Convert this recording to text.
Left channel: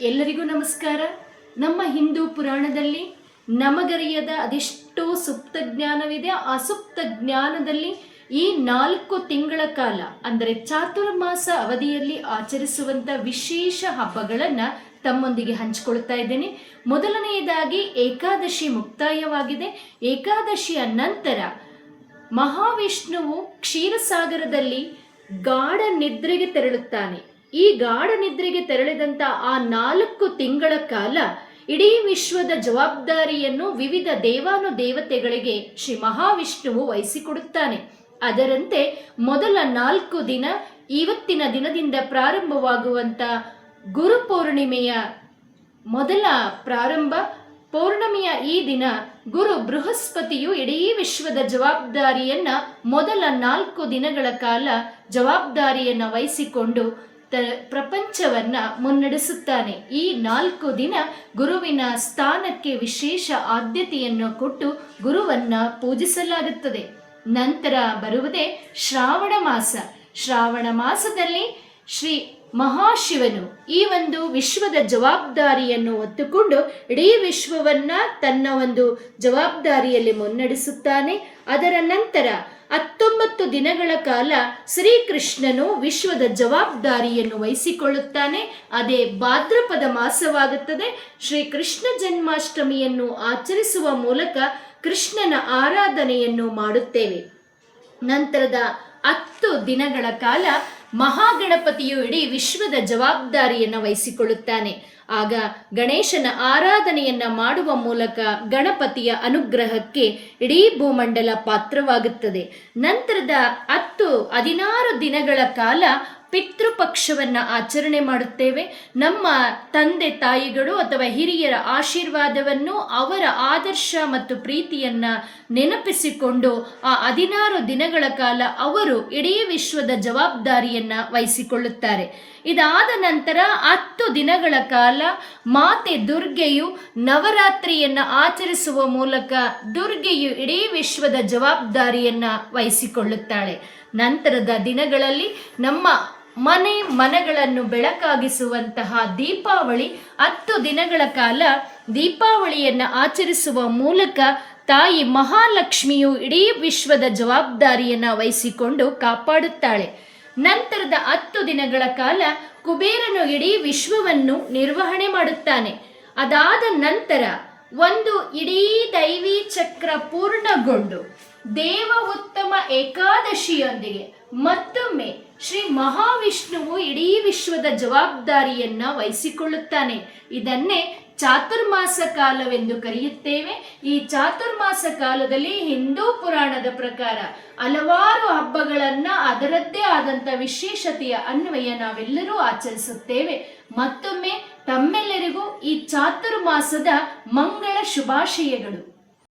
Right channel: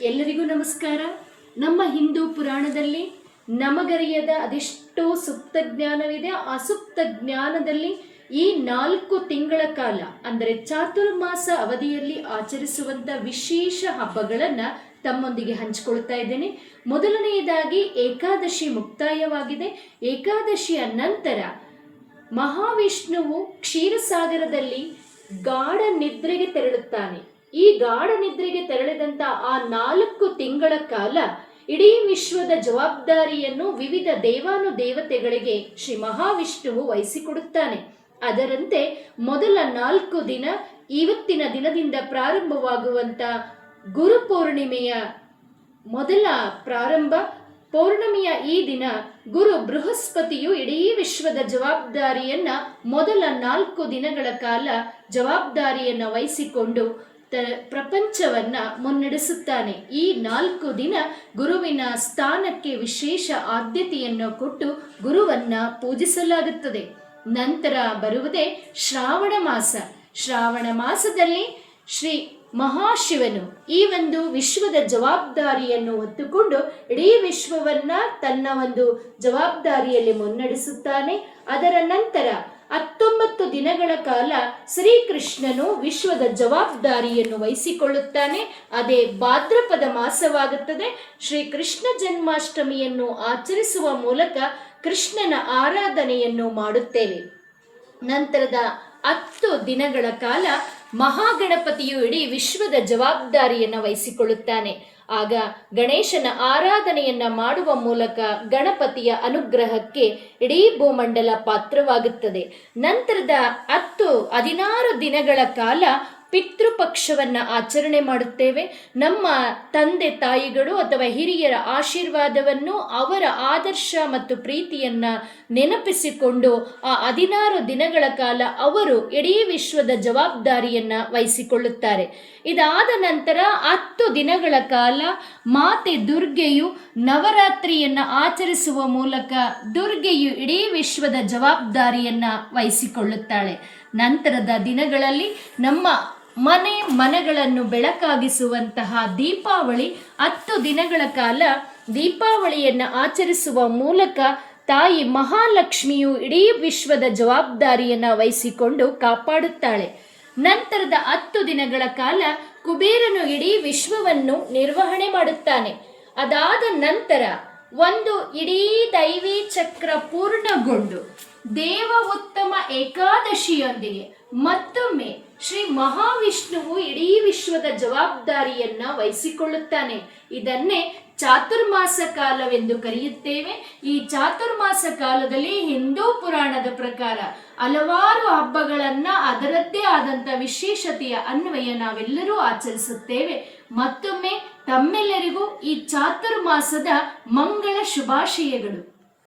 ಎಲ್ಲರಿಗೂ ನಮಸ್ಕಾರ. ನಮ್ಮ ಹಿಂದೂ ಪುರಾಣದಲ್ಲಿ ನಮಗರಿಯದ ಅದೆಷ್ಟೋ ಸುಪ್ತ ಜ್ಞಾನವಿದೆ. ಆ ಸುಪ್ತ ಜ್ಞಾನದಲ್ಲಿ ಈ 4 ತಿಂಗಳ ಕಾಲ ಅಂದರೆ ಚಾತುರ್ಮಾಸ ಅವಧಿಯಲ್ಲಿ ಆಚರಿಸುವಂಥ ವಿಶೇಷ ಹಬ್ಬಗಳನ್ನು ತಮ್ಮೊಂದಿಗೆ ಹಂಚಿಕೊಳ್ತಾ ಇದ್ದೇನೆ. ಮೊದಲನೆಯದಾಗಿ ಏಕಾದಶಿ ಮುಕ್ತಾಯವಾಗಿದೆ. ಏಕಾದಶಿಯ ನಂತರ ಮಹಾವಿಷ್ಣುವು ಕ್ಷೀರಸಾಗರದಲ್ಲಿ ಗಾಢ ನಿದ್ರೆಗೆ ತೆರಳುತ್ತಾನೆ. ಈ ಗಾಢ ನಿದ್ರೆಗೆ ತೆರಳಿದಂಥ ಆ 4 ತಿಂಗಳ ಕಾಲ ಇಡೀ ವಿಶ್ವದ ಜವಾಬ್ದಾರಿಯನ್ನು ವಿವಿಧ ದೇವಾನುದೇವತೆಗಳಿಗೆ ಶ್ರೀ ಮಹಾವಿಷ್ಣುವು ವಹಿಸಿಕೊಡುತ್ತಾನೆ. ಅದರಂತೆ ಮೊದಲ 4 ದಿನ ಇವತ್ತಿನ ದಿನದಿಂದ ಪ್ರಾರಂಭವಾಗುವಂಥ ಗುರು ಪೌರ್ಣಿಮೆಯ ಮೊದಲ ಪ್ರಾರಂಭ. ಪೌರ್ಣಮಿಯ ಈ ದಿನ ಗುರು ಬೃಹಸ್ಪತಿಯು ಇಡೀ ವಿಶ್ವದ ಜವಾಬ್ದಾರಿಯನ್ನ ಮೊದಲ 4 ದಿನಗಳ ಕಾಲ ಜವಾಬ್ದಾರಿಯನ್ನು ವಹಿಸಿಕೊಂಡು ಪ್ರಪಂಚವನ್ನ ಮುನ್ನಡೆಸುತ್ತಾನೆ. ಈ 4 ದಿನ ಗುರುವಿನ ಸ್ಥಾನಕ್ಕೆ ವಿಶೇಷ ಆದ್ಯತೆಯನ್ನು ಕೊಟ್ಟು ಗುರುವನ್ನ ಪೂಜಿಸಲಾಗುತ್ತದೆ. ನಂತರ ಬರುವುದೇ ಶ್ರಾವಣ ಮಾಸ. ಶ್ರಾವಣ ಮಾಸದಲ್ಲಿ ಶ್ರೀ ಮಹಾಶಿವನು ಈ ಒಂದು ವಿಶ್ವದ ಜವಾಬ್ದಾರಿಯನ್ನು ಹೊತ್ತುಕೊಂಡು ಇಡೀ ವಿಶ್ವವನ್ನ ತನ್ನ ಒಂದು ಜವಾಬ್ದಾರಿಯಲ್ಲಿ ಮುನ್ನಡೆಸುತ್ತಾನೆ. ಅದರ ನಂತರ 19 ದಿನಗಳ ಕಾಲ ಶ್ರೀಕೃಷ್ಣನು ವಿಶ್ವದ ಜವಾಬ್ದಾರಿಯನ್ನು ವಹಿಸಿಕೊಳ್ಳುತ್ತಾನೆ. ಅದೇ ಭಾದ್ರಪದ ಮಾಸವಾಗುತ್ತದೆ. ಶ್ರೀಕೃಷ್ಣ ಜನ್ಮಾಷ್ಟಮಿಯನ್ನು ಆಚರಿಸುವ ಮೂಲಕ ಕೃಷ್ಣನ ಆರಾಧನೆಯನ್ನು ಮಾಡುತ್ತೇವೆ. ನಂತರದ 10 ದಿನಗಳ ಕಾಲ ಮಹಾಗಣಪತಿಯು ಇಡೀ ವಿಶ್ವದ ಜವಾಬ್ದಾರಿಯನ್ನು ವಹಿಸಿಕೊಳ್ಳುತ್ತಾನೆ. ಆಗ ಗಣೇಶನ ಆರಾಧನೆಯನ್ನ ಮಾಡುವ ಮೂಲಕ ಗಣಪತಿಯ ಅನುಗ್ರಹಕ್ಕೆ ಇಡೀ ಭೂಮಂಡಲ ಪಾತ್ರವಾಗುತ್ತದೆ. ನಂತರದ 16 ದಿನಗಳ ಕಾಲ ಪಿತೃಪಕ್ಷವನ್ನು ಆಚರಣೆ ಮಾಡುತ್ತೇವೆ. ನಮ್ಮ ತಂದೆ ತಾಯಿಗಳು ಅಥವಾ ಹಿರಿಯರ ಆಶೀರ್ವಾದವನ್ನು, ಅವರ ಆದರ್ಶ ಮತ್ತು ಪ್ರೀತಿಯನ್ನ ನೆನಪಿಸಿಕೊಂಡು ಆ 16 ದಿನಗಳ ಕಾಲ ಅವರು ಇಡೀ ವಿಶ್ವದ ಜವಾಬ್ದಾರಿಯನ್ನ ವಹಿಸಿಕೊಳ್ಳುತ್ತಾರೆ. ಇದಾದ ನಂತರ 10 ದಿನಗಳ ಕಾಲ ಮಾತೆ ದುರ್ಗೆಯು ನವರಾತ್ರಿಯನ್ನು ಆಚರಿಸುವ ಮೂಲಕ ದುರ್ಗೆಯು ಇಡೀ ವಿಶ್ವದ ಜವಾಬ್ದಾರಿಯನ್ನ ವಹಿಸಿಕೊಳ್ಳುತ್ತಾಳೆ. ನಂತರದ ದಿನಗಳಲ್ಲಿ ನಮ್ಮ ಮನೆಗಳನ್ನು ಬೆಳಕಾಗಿಸುವಂತಹ ದೀಪಾವಳಿ 10 ದಿನಗಳ ಕಾಲ ದೀಪಾವಳಿಯನ್ನು ಆಚರಿಸುವ ಮೂಲಕ ತಾಯಿ ಮಹಾಲಕ್ಷ್ಮಿಯು ಇಡೀ ವಿಶ್ವದ ಜವಾಬ್ದಾರಿಯನ್ನು ವಹಿಸಿಕೊಂಡು ಕಾಪಾಡುತ್ತಾಳೆ. ನಂತರದ 10 ದಿನಗಳ ಕಾಲ ಕುಬೇರನು ಇಡೀ ವಿಶ್ವವನ್ನು ನಿರ್ವಹಣೆ ಮಾಡುತ್ತಾನೆ. ಅದಾದ ನಂತರ ಒಂದು ಇಡೀ ದೈವಿ ಚಕ್ರ ಪೂರ್ಣಗೊಂಡು ದೇವ ಉತ್ತಮ ಏಕಾದಶಿಯೊಂದಿಗೆ ಮತ್ತೊಮ್ಮೆ ಶ್ರೀ ಮಹಾವಿಷ್ಣುವು ಇಡೀ ವಿಶ್ವದ ಜವಾಬ್ದಾರಿಯನ್ನ ವಹಿಸಿಕೊಳ್ಳುತ್ತಾನೆ. ಇದನ್ನೇ ಚಾತುರ್ಮಾಸ ಕಾಲವೆಂದು ಕರೆಯುತ್ತೇವೆ. ಈ ಚಾತುರ್ಮಾಸ ಕಾಲದಲ್ಲಿ ಹಿಂದೂ ಪುರಾಣದ ಪ್ರಕಾರ ಹಲವಾರು ಹಬ್ಬಗಳನ್ನ ಅದರದ್ದೇ ಆದಂಥ ವಿಶೇಷತೆಯ ಅನ್ವಯ ನಾವೆಲ್ಲರೂ ಆಚರಿಸುತ್ತೇವೆ. ಮತ್ತೊಮ್ಮೆ ತಮ್ಮೆಲ್ಲರಿಗೂ ಈ ಚಾತುರ್ಮಾಸದ ಮಂಗಳ ಶುಭಾಶಯಗಳು.